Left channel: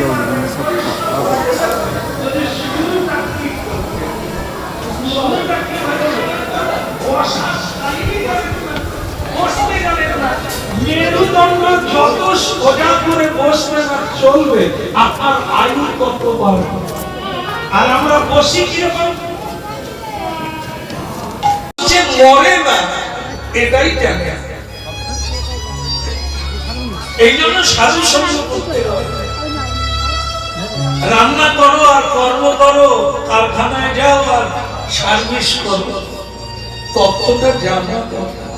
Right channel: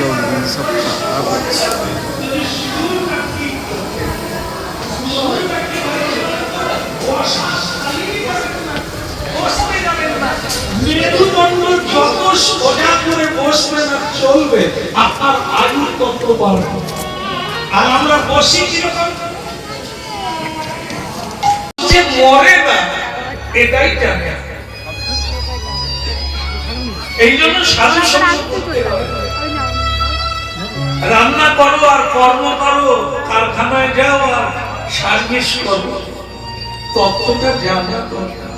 लोग सब মেরুদণ্ড যত সোজা করে বসবে না চলবে, আপনার আয়ু তত বাড়বে। আর আমরা বসি কিরকম, যে মরে না এটাই জানে। এই জন্য সাধু সঙ্গ করতে হবে। রান্না করো আর কর্ম করো, কারখানায় যাও আর সার্ভিস করো, তত্ত্বটা জানা দরকার।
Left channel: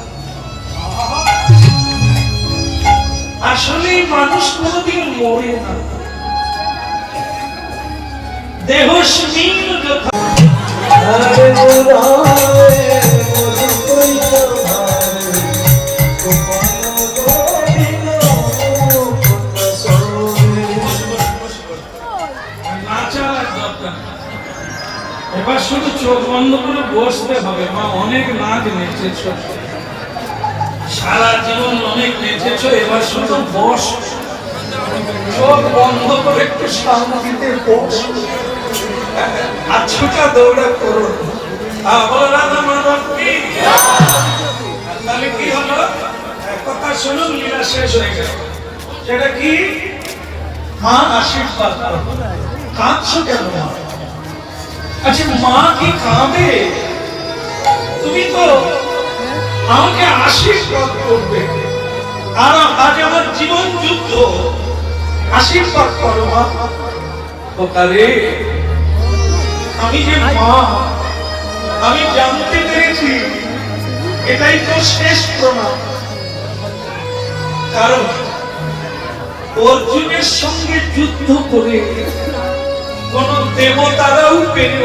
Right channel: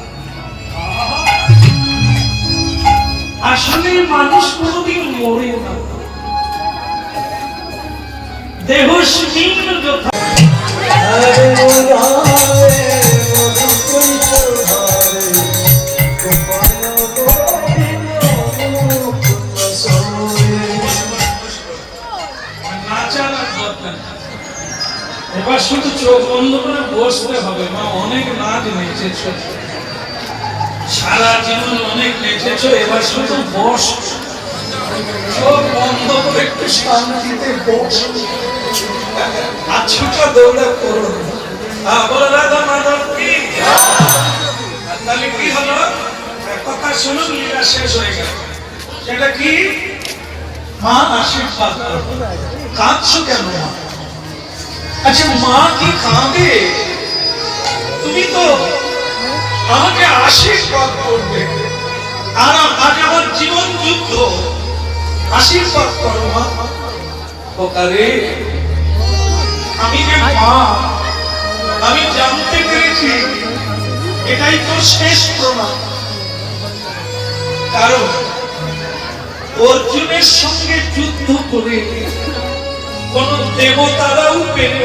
আসলে মানুষ কোনদিন মরে না, দেহস্মিন যথা এবার শুধু চোখ বন্ধ করে বসতে হবে। মা অনেক নাচ নেচেছ, সারা জীবন অনেক নেচেছ, এবার শুধু বস, চোখ বন্ধ করে একটু শান্তিতে বস, আছুটা দৌড়া করো। বলে রাজা মাধব কি, তাহলে কি হলো? কথা শুনুন, লীলা শেষ হয়ে গেল। সেটা কি? মা আশীর্বাদ করো। কাঁদছো কেন? আচ্ছা, মা কি কাঁদে? তুমি তো আমাকে আশীর্বাদ করবে, আর আজ আমার জীবন যুদ্ধ, আশীর্বাদ করো মা। ওকারে আমি যে মা, আমি জানতে পেরেছি এটাই তো শেষ প্রমাণ। কারণ অর্জুনের সঙ্গে যুদ্ধ করে কোন দেবতারাও পেরে